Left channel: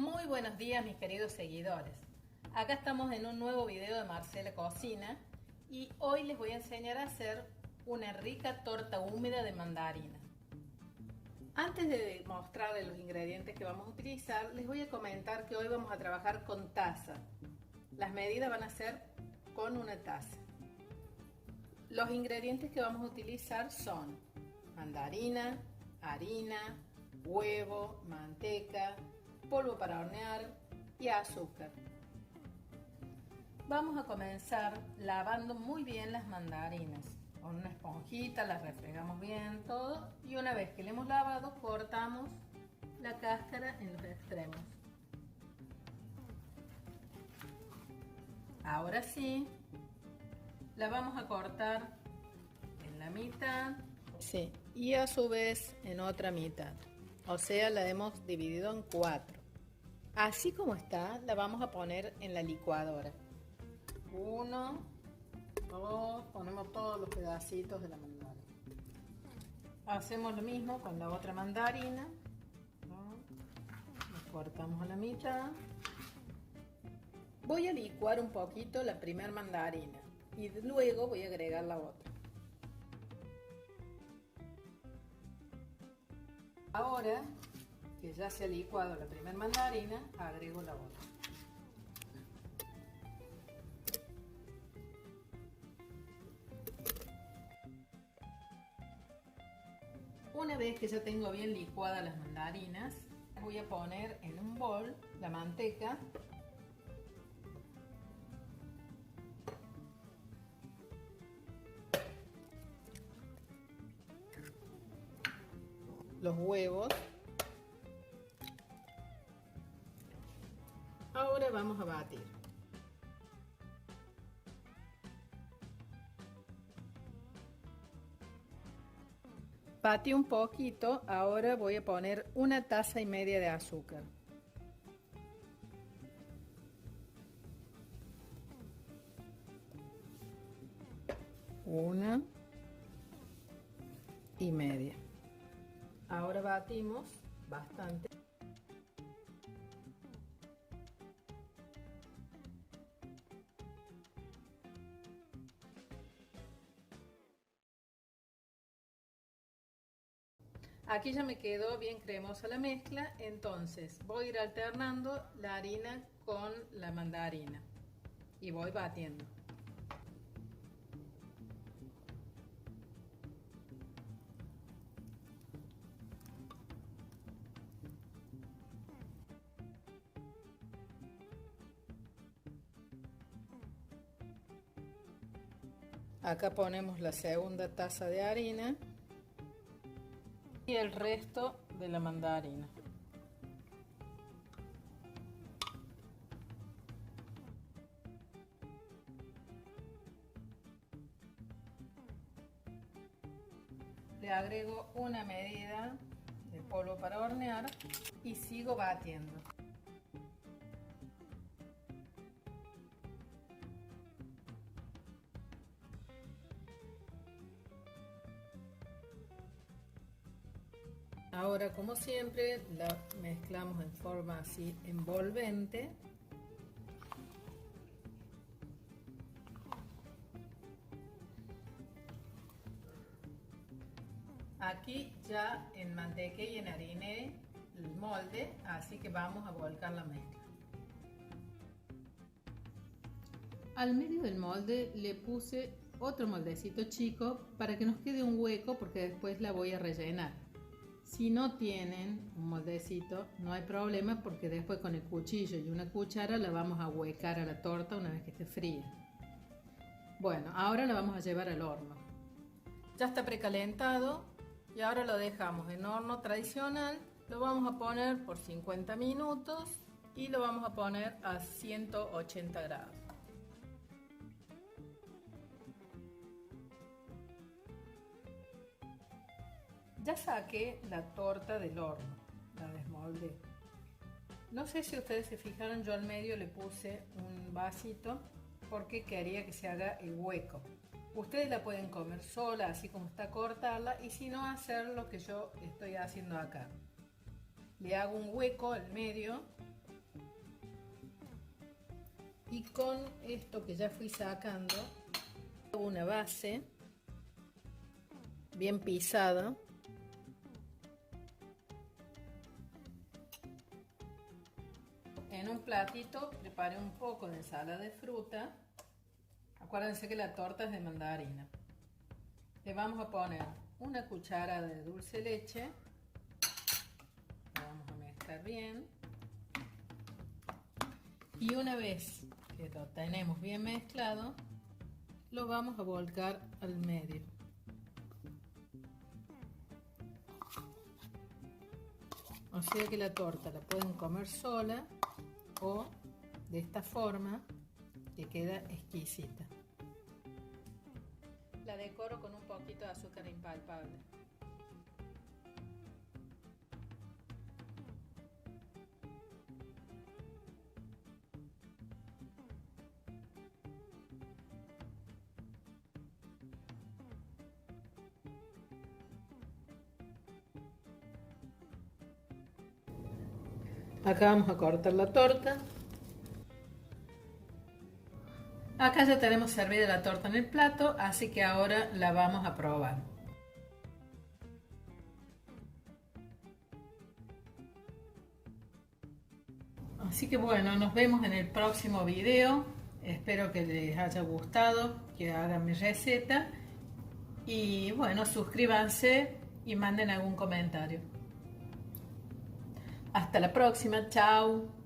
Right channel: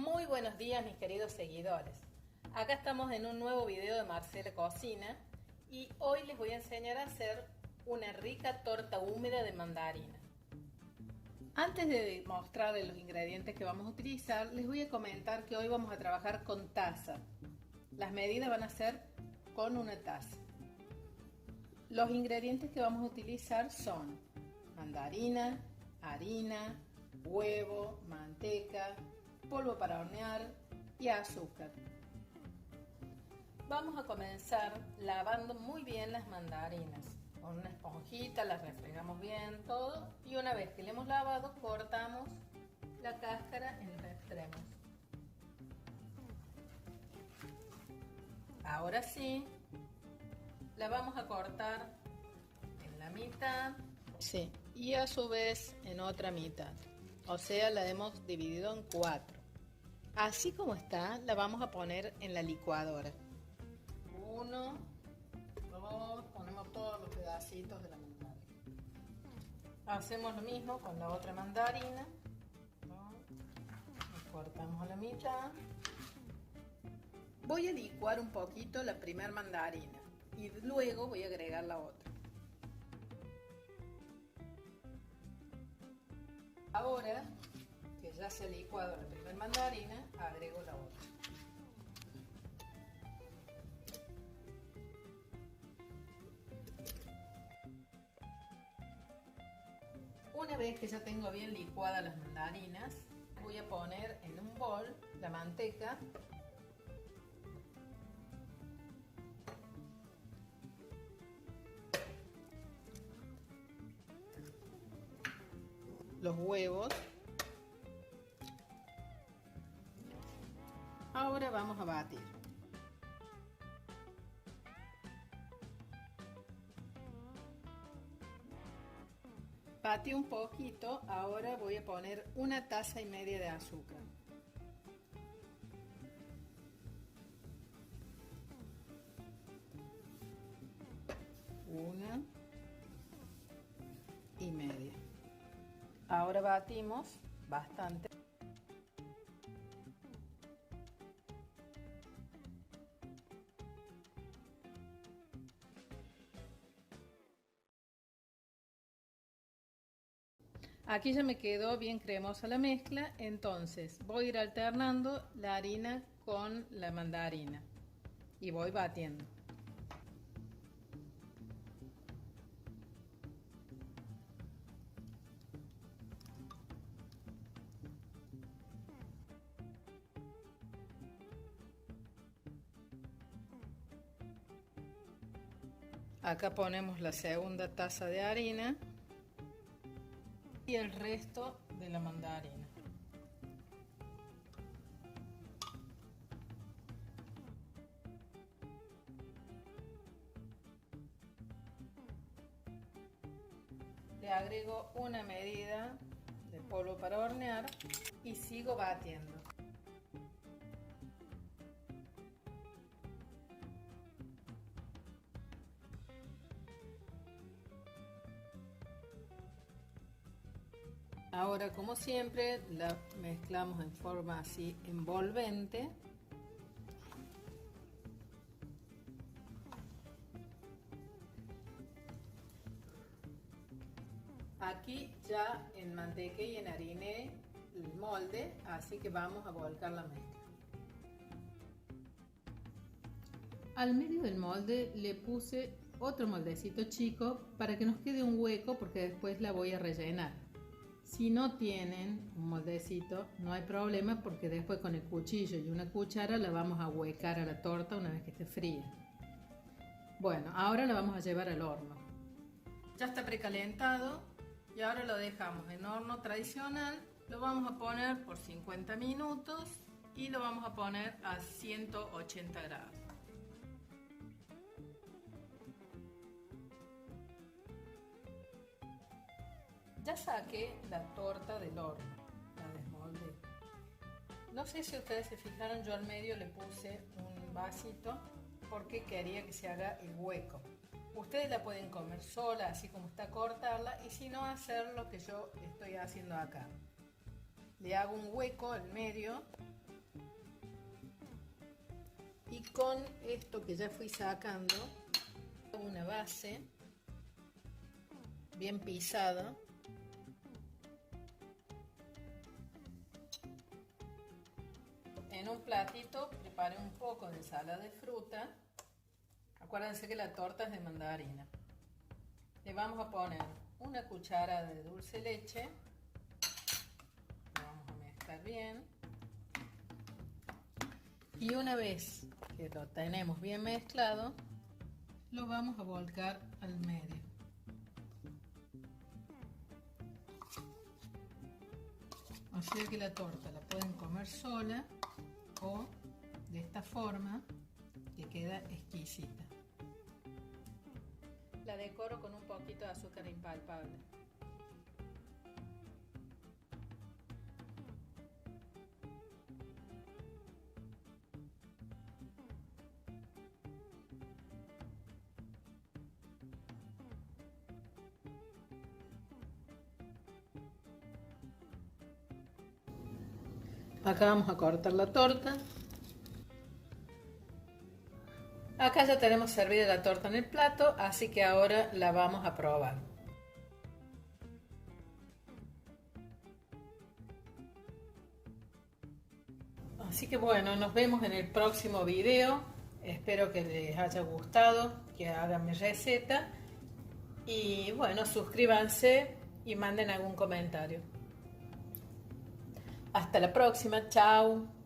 Muy buenos días mis queridos seguidores. Acá estamos en un nuevo video de Marcela Cocina y hoy les voy a enseñar a hacer una rica torta húmeda de mandarina. Antes de mostrarles los ingredientes que vamos a utilizar, les voy a comentar que hoy vamos a trabajar con taza. Las medidas van a ser con una taza. Los ingredientes que vamos a utilizar son mandarina, harina, huevo, manteca, polvo para hornear y azúcar. Vamos a comenzar lavando muy bien las mandarinas. Con una esponjita las refregamos bien todo y una vez que le hemos lavado cortamos la cáscara en los extremos. Ahora sí, la vamos a cortar en la mitad, sí, y a su vez en otra mitad. O sea, la hemos dividido en 4. Así como está, la vamos a poner en la licuadora. 1, 2, ponemos todos los pedacitos de la mandarina. Hacemos lo mismo con la otra mandarina. Lo cortamos a la mitad. Voy a licuar un poquito la primera mandarina y luego voy a agregar la otra. Ahora que ya se ha licuado la primera mandarina, agrego la otra. Una vez que ya tengo bien licuadas las mandarinas, voy a poner en un bol la manteca, los huevos. Ahora vamos a batir. Batí un poquito, ahora voy a poner 1,5 tazas de azúcar. Una y media. Ahora batimos bastante. Aquí ya me quedó bien cremosa la mezcla, entonces voy a ir alternando la harina con la mandarina y voy batiendo. Acá ponemos la segunda taza de harina y el resto de la mandarina. Le agrego una medida de polvo para hornear y sigo batiendo. Ahora, como siempre, la mezclamos en forma así envolvente. Aquí ya enmantequé y enhariné el molde, así que vamos a volcar la mezcla. Al medio del molde le puse otro moldecito chico para que nos quede un hueco porque después la voy a rellenar. Si no tienen un moldecito, no hay problema porque después con el cuchillo y una cuchara la vamos a huecar a la torta una vez que esté fría. Bueno, ahora la vamos a llevar al horno. Ya está precalentado y ahora lo dejamos en horno tradicional. Lo vamos a poner por 50 minutos y lo vamos a poner a 180 grados. Ya saqué la torta del horno, la desmoldé. No sé si ustedes se fijaron, yo al medio le puse un vasito porque quería que se haga el hueco. Ustedes la pueden comer sola, así como está, cortarla, y si no, hacer lo que yo estoy haciendo acá. Le hago un hueco al medio Y con esto que ya fui sacando, una base bien pisada. En un platito preparé un poco de ensalada de fruta. Acuérdense que la torta es de mandarina. Le vamos a poner una cuchara de dulce de leche. Lo vamos a mezclar bien. Y una vez que lo tenemos bien mezclado, lo vamos a volcar al medio. O sea que la torta la pueden comer sola o de esta forma, que queda exquisita. La decoro con un poquito de azúcar impalpable. Acá vamos a cortar la torta. Acá ya tenemos servida la torta en el plato, así que ahora la vamos a probar. Así que bueno, nos vemos en el próximo video. Espero que les haya gustado, que hagan mi receta. Y bueno, suscríbanse y manden algún comentario. Hasta la próxima, chao.